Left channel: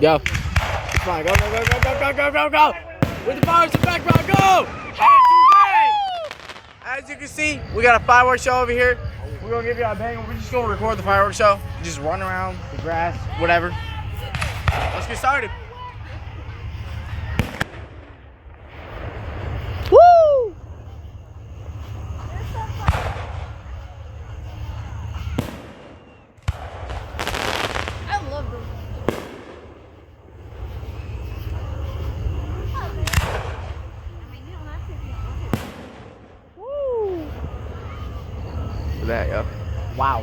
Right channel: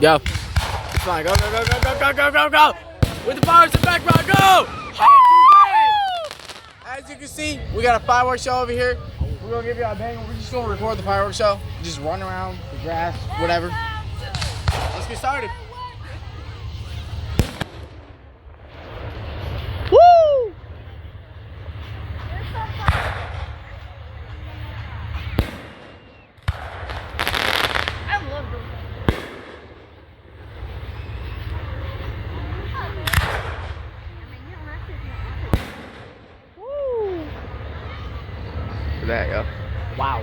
Go. It's fine. Go, go, go, go, go, go, go, go, go. With the fireworks in the background, go. As you can see, we got a fireworks show over here. We're gonna give you a bang. We're just gonna record the fireworks show. Just run around the grass, whatever. Let's get started. Woo! I love those. Woo! Look at that, yo. Wow.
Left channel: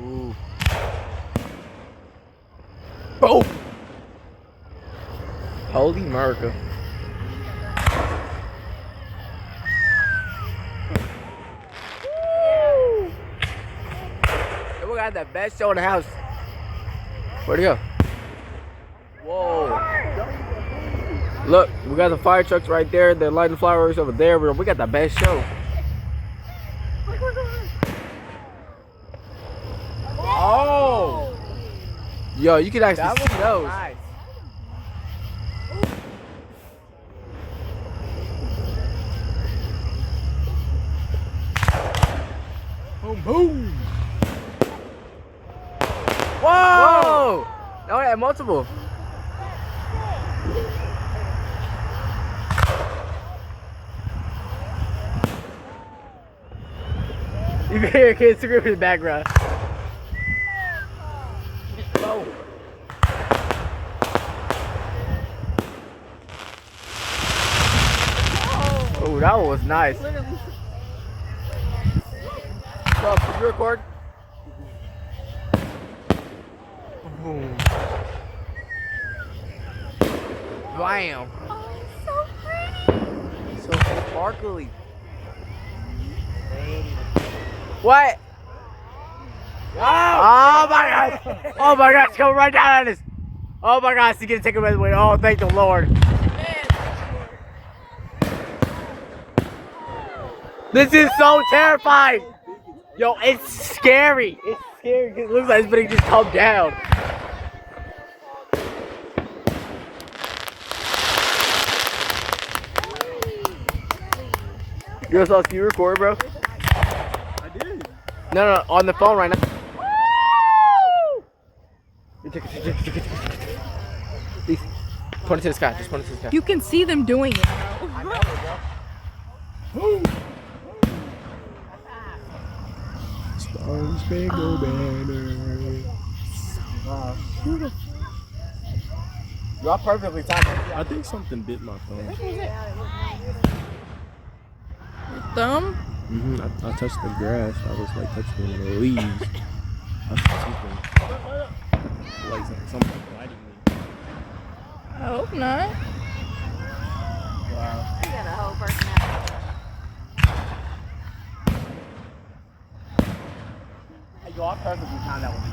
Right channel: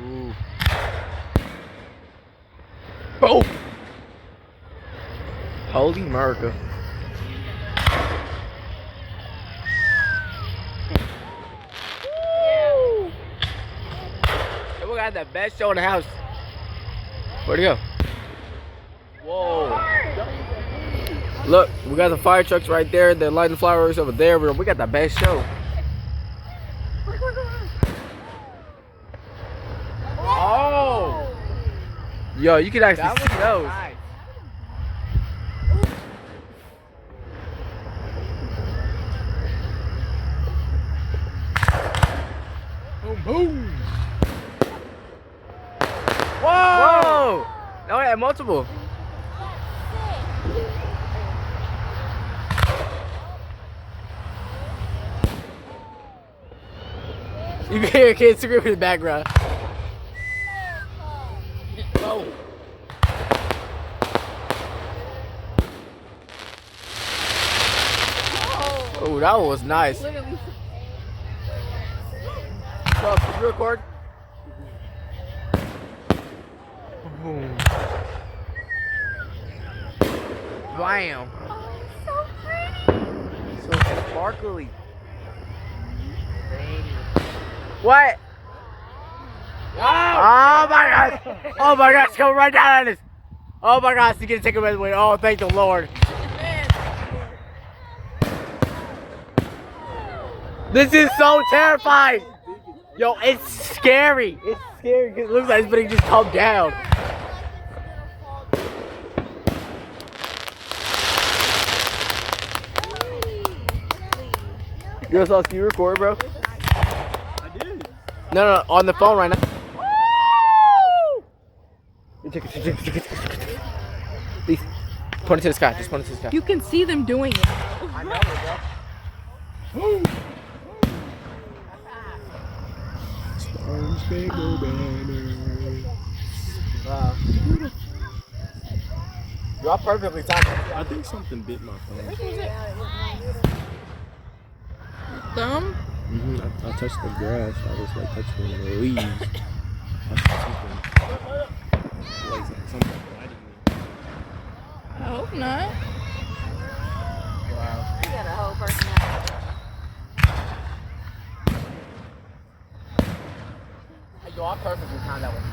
Ooh. Oh! Holy America. Woo! And we got the best show in the house. Where'd he go? Whoa. Look, we got the fire trucks right there. They're lighting fireworks over there. We got the best show. Oh! Yo, you can actually see those. Nice. Boom, boom. Whoa! Whoa! No, I had multiple. You can hear kids screaming in the background. Whoa. Oh, that one was nice. Literally. Bro, can you record? Boom. Bam. Oh, it's so pretty. So sparkly. What? Oh my gosh! Oh my gosh! Come right down on this! Oh my gosh! He's gonna take him away. Oh, thank the Lord! This is so terrifying! Yo, it's scary! It's scary because it looks like it's gonna just come down. Yo, so can you record, bro? I did. No, on the phone right now. Please, point it to the sky. Just point it to the sky. You can see them doing it. I know it, bro. Star Spangled Banner. Wow. Y'all perfectly timed. I think something bit my thumb. Thumb? I touched the grass. I was like touching the leaves. Like something biting me. I hope not. You got a whole personality. Hey, yo, I perfectly timed that one.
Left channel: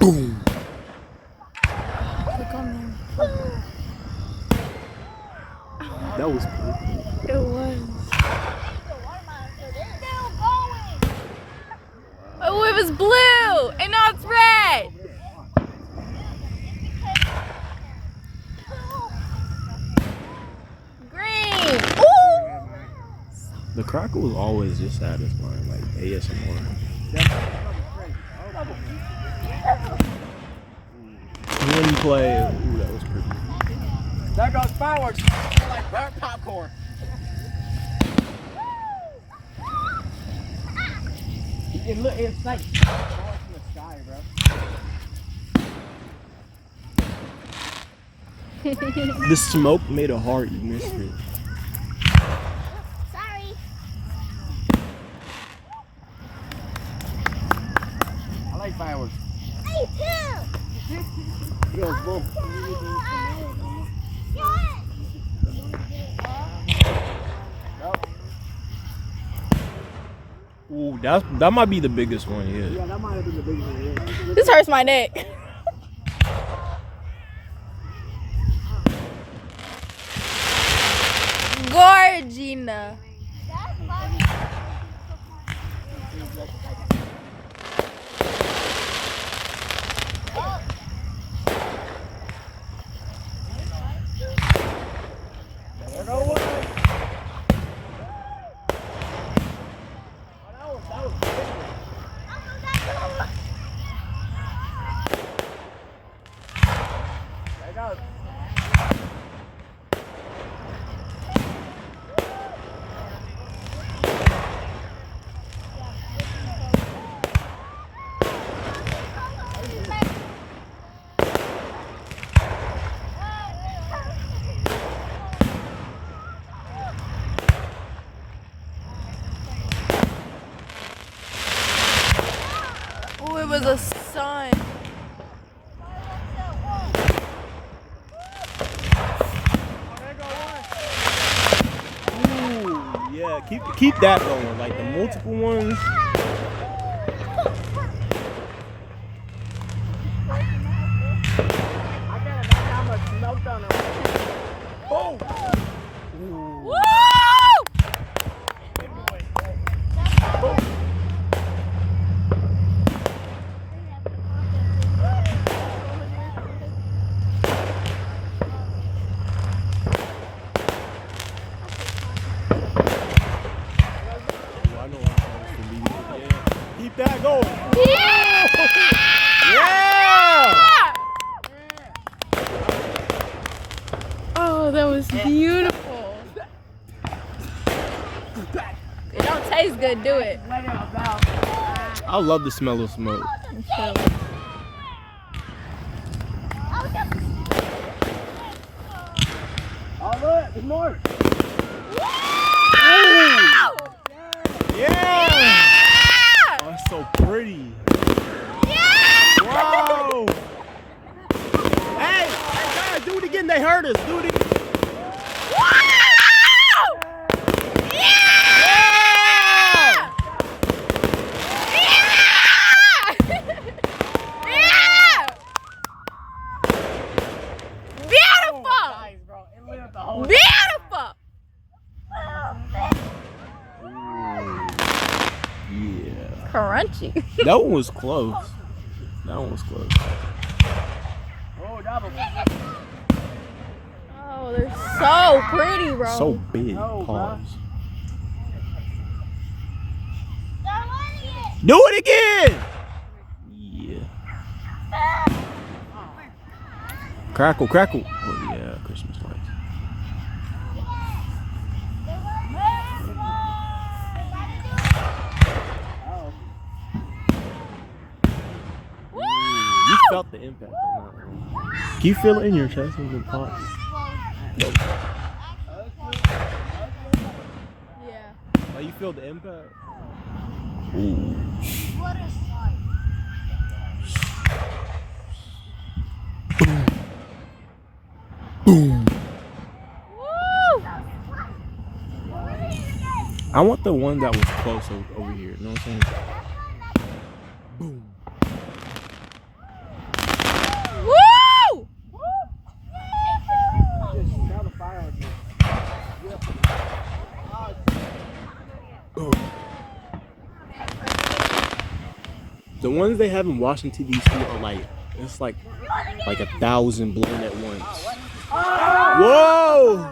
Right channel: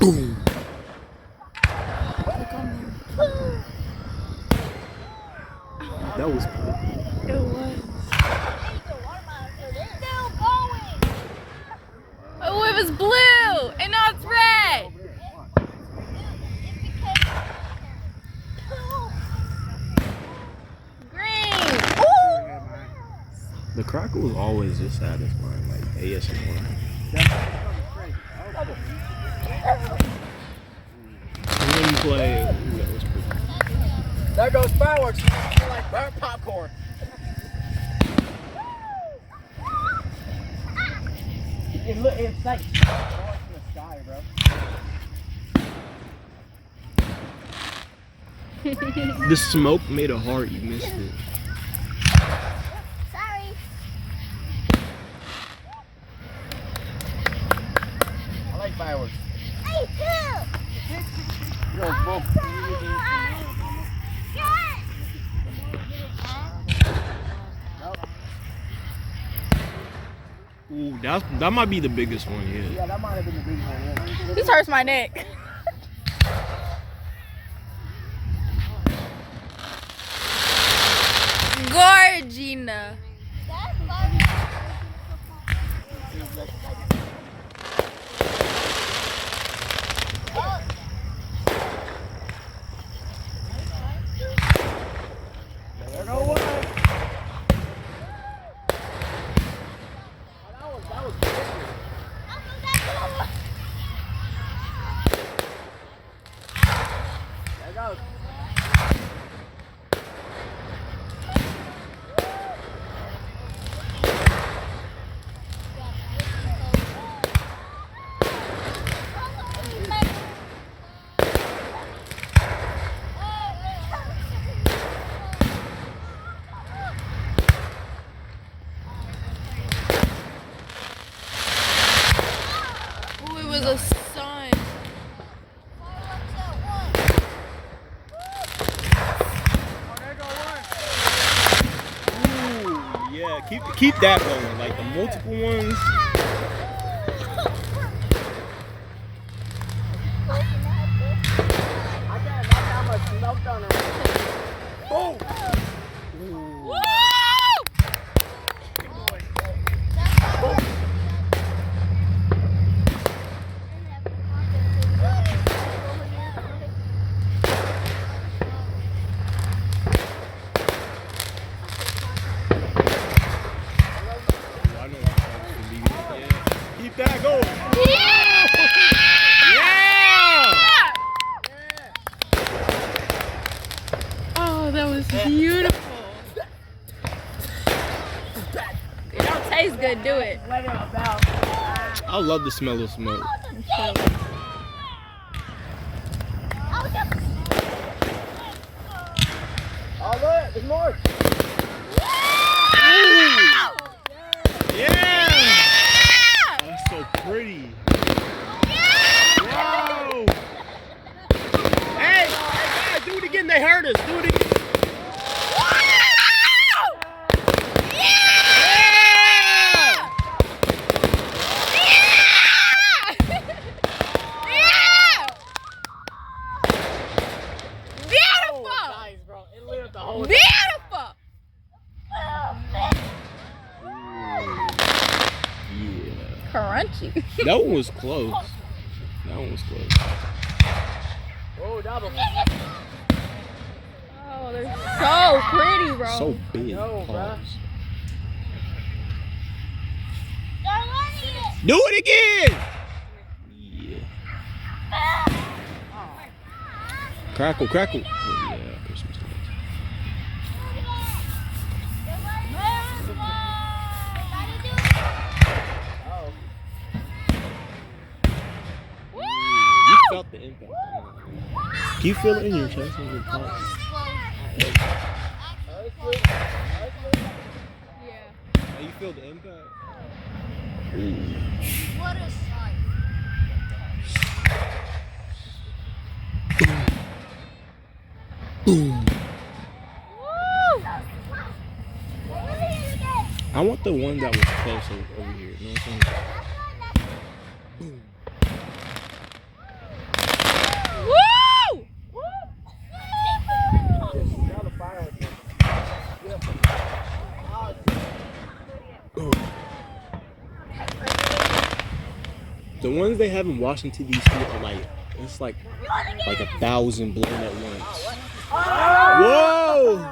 Boom. That was perfect. It was. Oh, it was blue, and now it's red. Green. Ooh. The crackle was always this satisfying, like ASMR. And then you play, ooh, that was pretty. There goes fireworks. They're like burnt popcorn. It's like falling from the sky, bro. The smoke made a heart, you missed it. Sorry. I like fireworks. Me too. Yo, boom. Ooh, that might be the biggest one yet. Yeah, that might have been the biggest one. Yeah. This hurts my neck. Gorgina. Oh, it was a sun. Ooh, yeah. Keep that going. Like the multiple ones. Boom! Woo! I know what I'm supposed to be. Yeah. Keep that going. Yeah! Oh, that was beautiful. It don't taste good, do it? I love the smell of smoke. Oh, look, there's more. Yeah! Oh, that's so pretty. Whoa! Hey, do it again. They hurt us. Do it again. Beautiful! Yeah. Crunchy. That one was close. That one was close. Oh, double. Oh, they're so pretty, bro. So big. Pause. Do it again! Yeah. Crackle, crackle. Oh, yeah, Christmas lights. You felt the impact. Can you feel it in your chest when it pops? Yeah. How you feel the impact? Boom. Woo! I want the one that was close over here. You know what I'm saying? Boom. Woo! The ones they have in Washington D.C. are like it's like 1,000 blown at once. Whoa!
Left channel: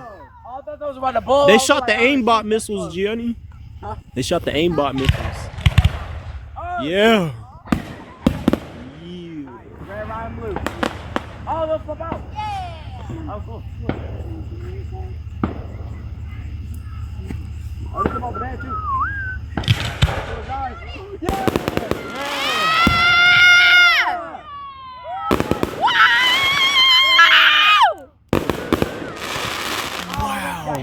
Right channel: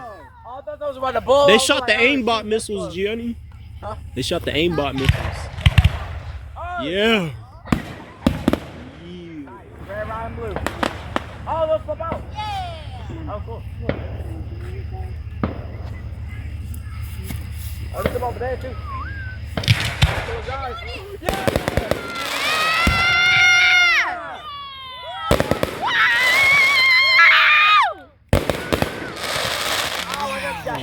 I thought those were about to blow. They shot the aimbot missiles, Gianni. Huh? They shot the aimbot missiles. Yeah. Red, lime, blue. Oh, let's flip out. Oh, cool. Oh, let's flip out the bag, too. I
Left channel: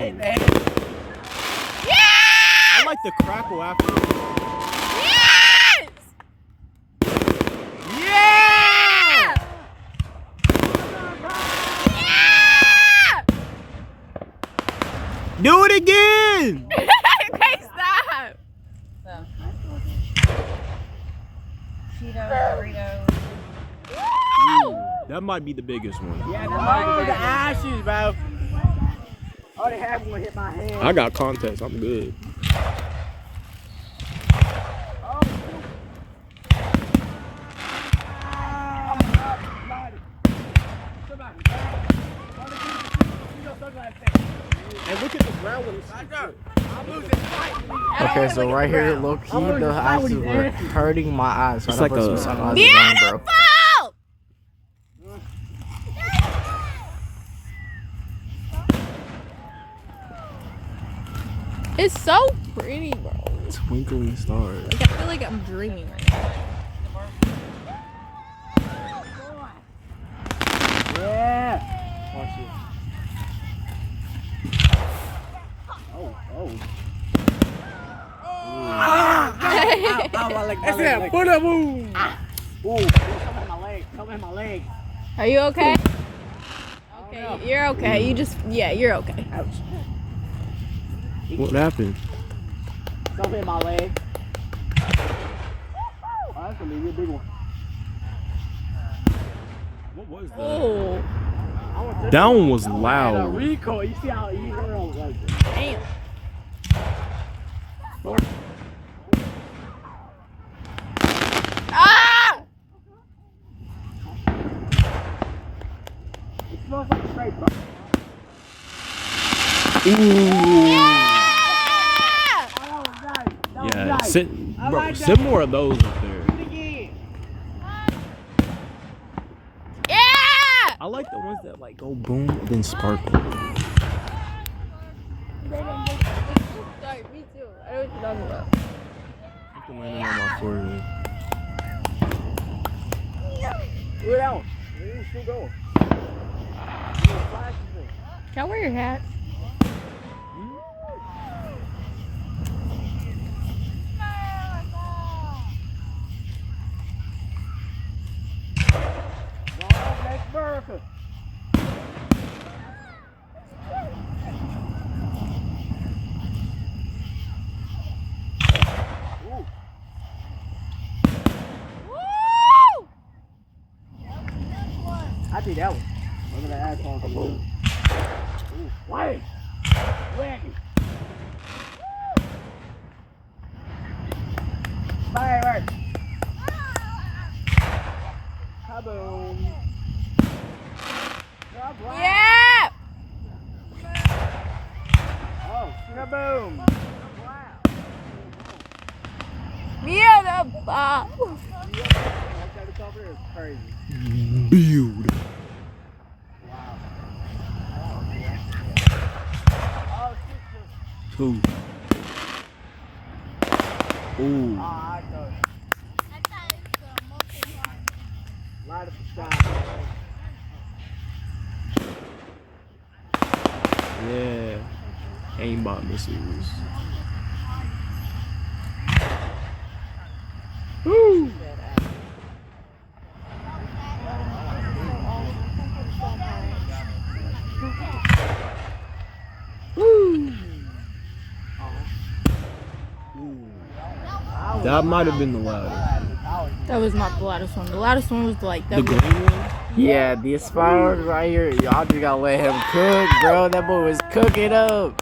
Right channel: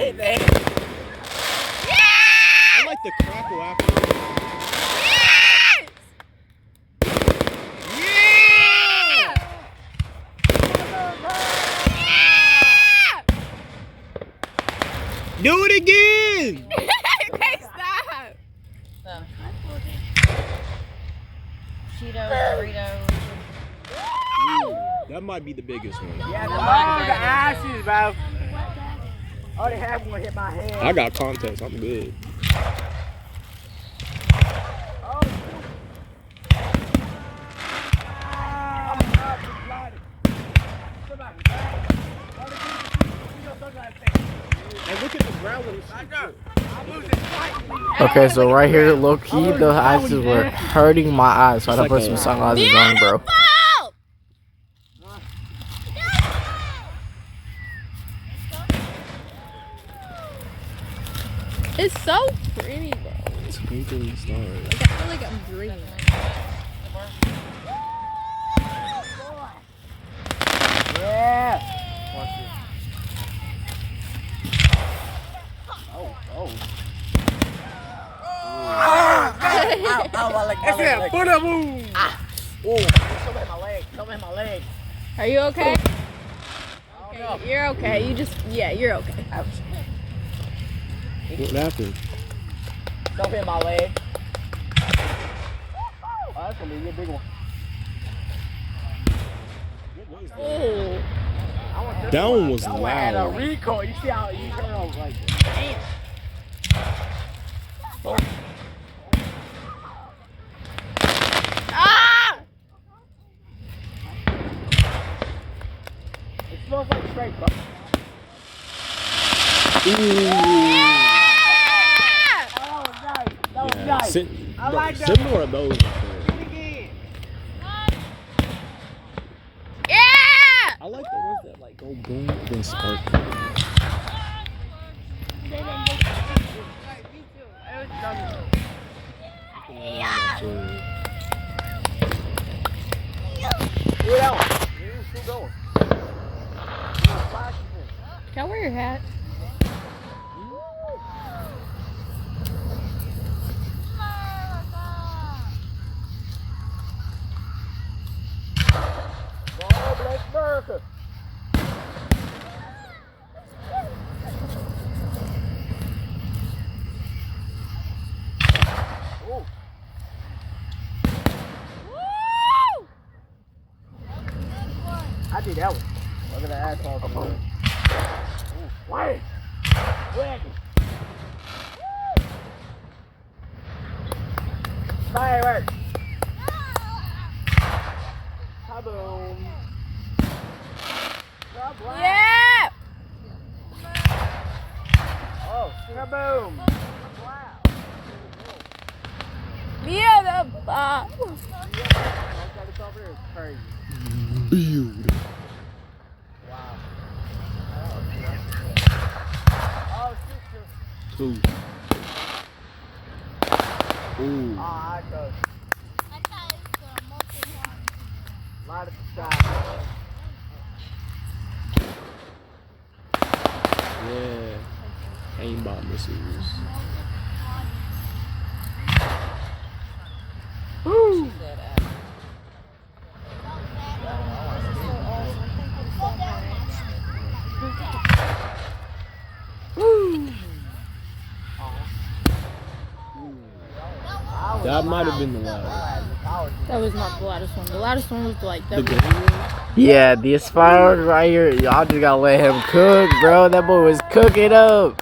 like the crackle after. Yeah! Do it again! Okay, stop. Cheetos, Doritos. Ooh, that might be the biggest one. Yeah, the ashes, bro. Oh, they have one hit my hand. I got context. I'm good. Oh, shoot. I'm not sliding. Somebody, And look at the ground when it's okay, so right here, low key, the ice were hurting my eyes, so I had to put some sunglasses on, bro. It's so pretty, bro. twinkling stars. Like, I feel like I'm dreaming. Yeah. Watch this. Oh. Ow, my leg, my leg. Put a move. Ooh, something in my leg. Are you okay? I don't know. You're okay. You're okay. Ouch. What happened? Something in my leg. Oh, that's gonna be a big one. What was that? Oh. That one was That one had a loud. recoil. You see how you heard him like Damn. Ah! it smells like straight bro. Ooh. Oh, that was nice. That was Yeah, nice. I bro, like that send one. more of those up there. Do it again. Yeah! I like the ones that like go boom, then sparkle. Me too. I know what you're talking about. Do that one. You're still going. Can I wear your hat? Bless America. Ooh. I did that one. Look at that asshole. Ooh. Wait. Wacky. Firework. Kaboom. Yeah! Oh, kaboom. Yeah, the bomb. Crazy. Build. Wow. Oh, shoot. Two. Ooh. Oh, I know. Light up the sky. Yeah. Aimbot missiles. Woo! That might have been the loudest. That was not the loudest one. The loudest one was like The that. green one? Yeah, this firework right here, y'all just gotta let him cook, bro. That boy was cooking up.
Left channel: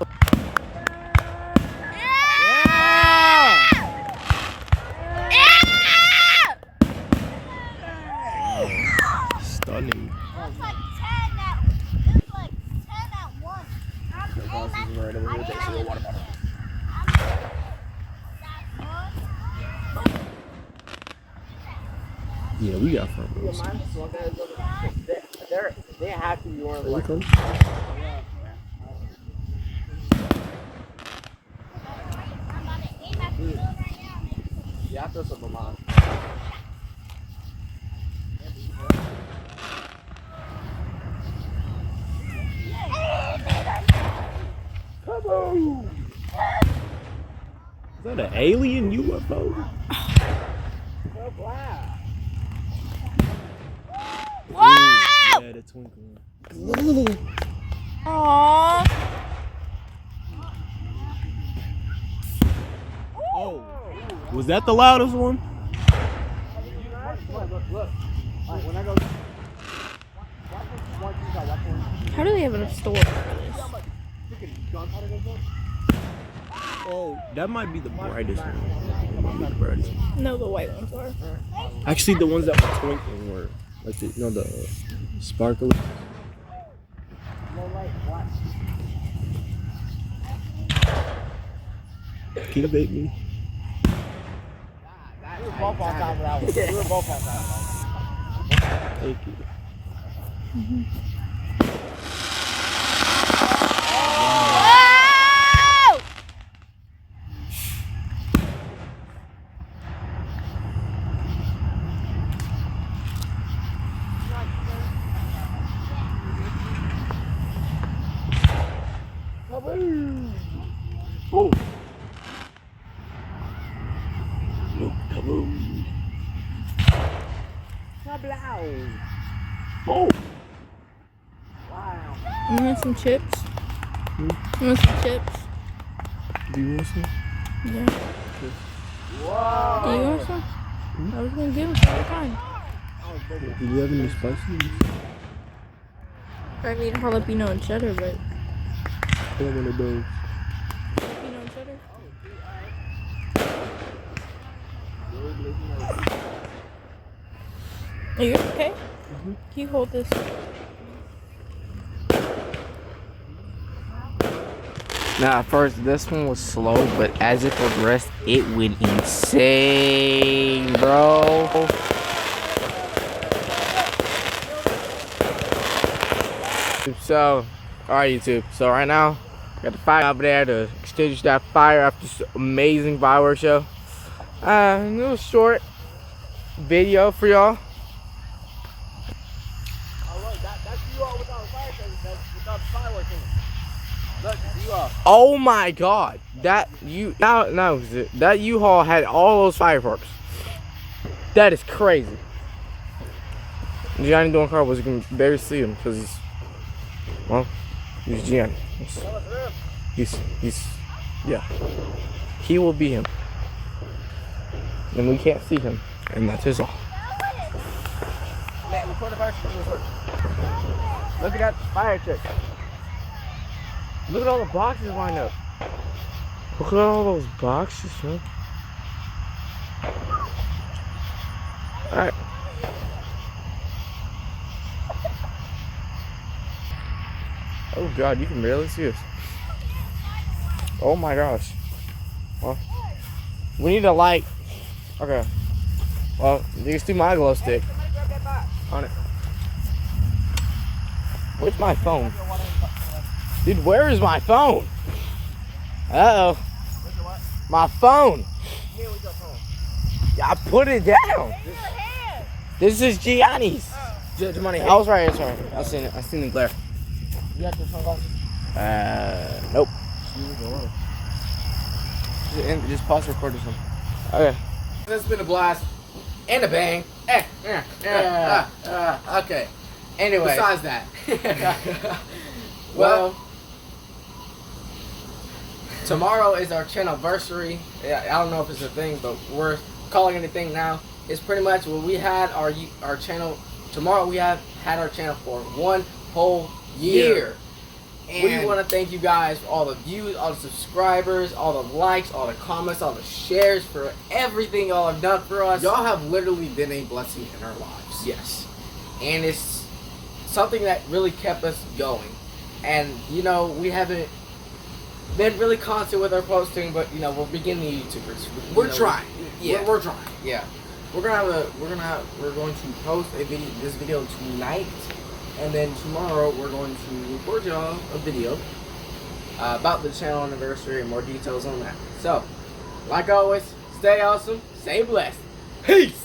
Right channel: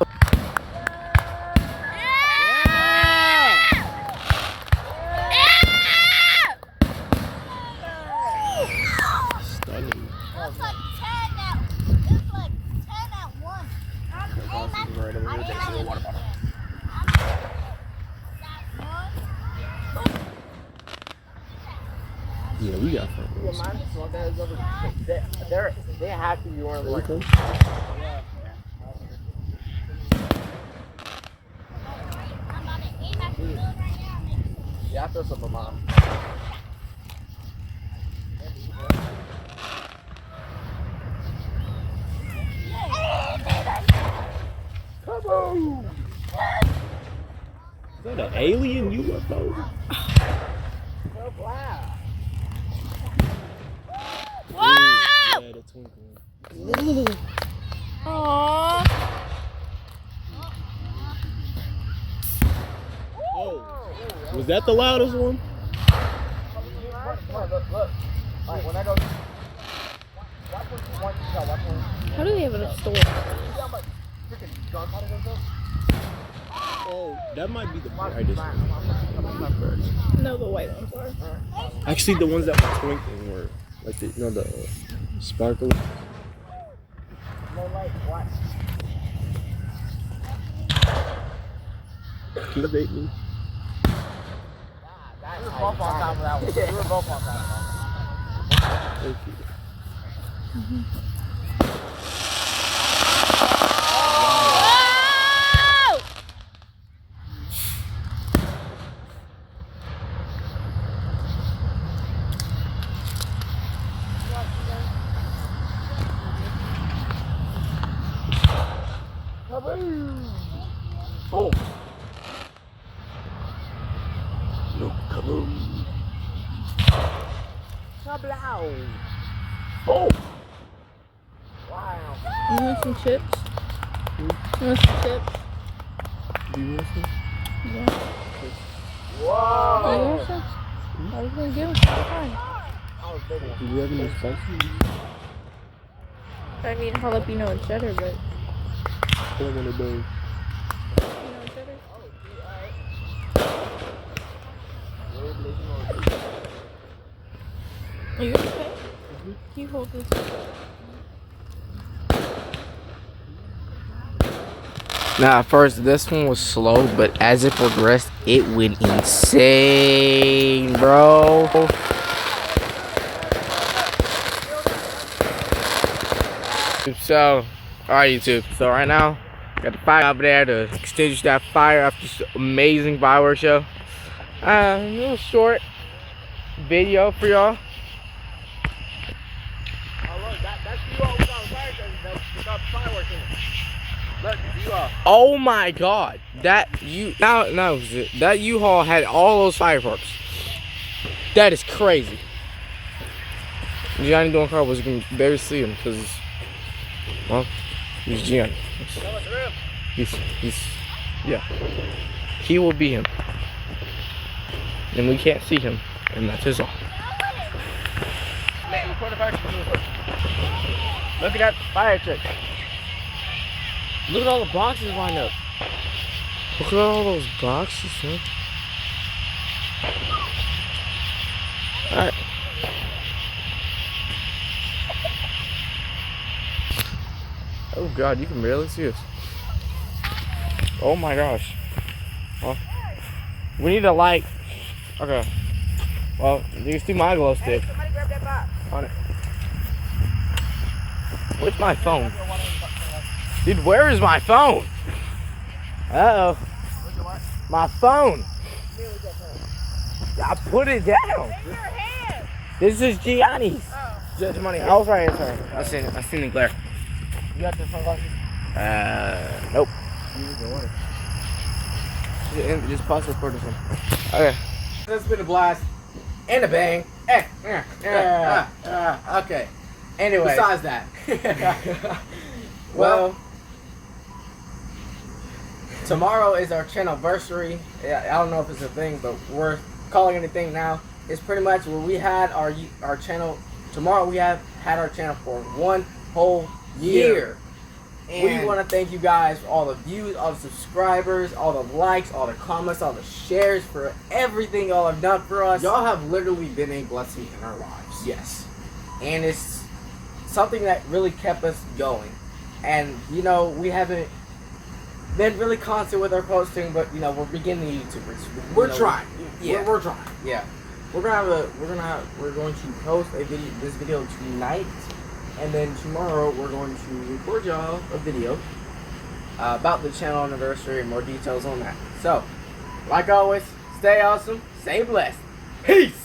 Stunning. It's like 10 at once. Yeah, we got fun. They're happy you weren't like. Yeah, I throw some of mine. Kaboom! Is that an alien UFO? So wow. Yeah, the twinkling. Aww. Oh. Was that the loudest one? Look. Alright, when I go. Watch what you want. Watch what. How do they have enough storage? See how much Oh, that might be the brightest one. No, the white ones are. Actually, the ones that were twinkling were like the sparkle. Can you bait me? We were both on top of that one. We were both on top of that one. Thank you. Oh. No, kaboom. Kablow. Oh. Wow. You want some chips? You want some chips? Do you want some? Yeah. Whoa. You want some? I was gonna give them some time. Do you have any spicy? I mean jalapeno and cheddar, but I want one of those. jalapeno and cheddar. Are you okay? Can you hold this? Now, at first, this one was slow, but as it progressed, it went insane, bro. So, alright, YouTube. So, right now, got the fire over there to extinguish that fire after this amazing fireworks show. A little short video for y'all. Oh, look, that's you all without fireworks in it. Oh my God! That U-Haul had all those fireworks. That is crazy. Gianni doing car was gonna barely see him because he's Gianni. He's yeah. He will be him, and we can't see him, and that's his all. Man, record the fire truck. Look at that fire truck. Look at all the boxes lined up. Look at all those boxes, man. Alright. Oh God, you can barely see us. Oh my gosh. Well, we need a light. Okay. Well, you can see my glow stick. On it. Where's my phone? Dude, where is my phone? Uh-oh. My phone. I put it down. This is Gianni's. Money. I was right, sorry. I seen the glare. You got the sunglasses? Nope. Just pause recording something. Okay. That's been a blast. And a bang. Okay. Anyway. Besides that. Well, tomorrow is our channelversary. I don't know if it's a thing, but we're calling it a thing now. It's pretty much when we had our channel. Tomorrow we have had our channel for 1 whole year. We want to thank you guys for all the views, all the subscribers, all the likes, all the comments, all the shares, for everything y'all have done for us. Y'all have literally been a blessing in our lives. Yes. And it's something that really kept us going. And, you know, we haven't been really constant with our posting, but, you know, we're beginning YouTubers. We're trying. Yeah. We're trying. Yeah. We're going to post this video tonight, and then tomorrow we're going to record y'all a video About the channel anniversary and more details on that. So, like always, stay awesome, stay blessed. Peace!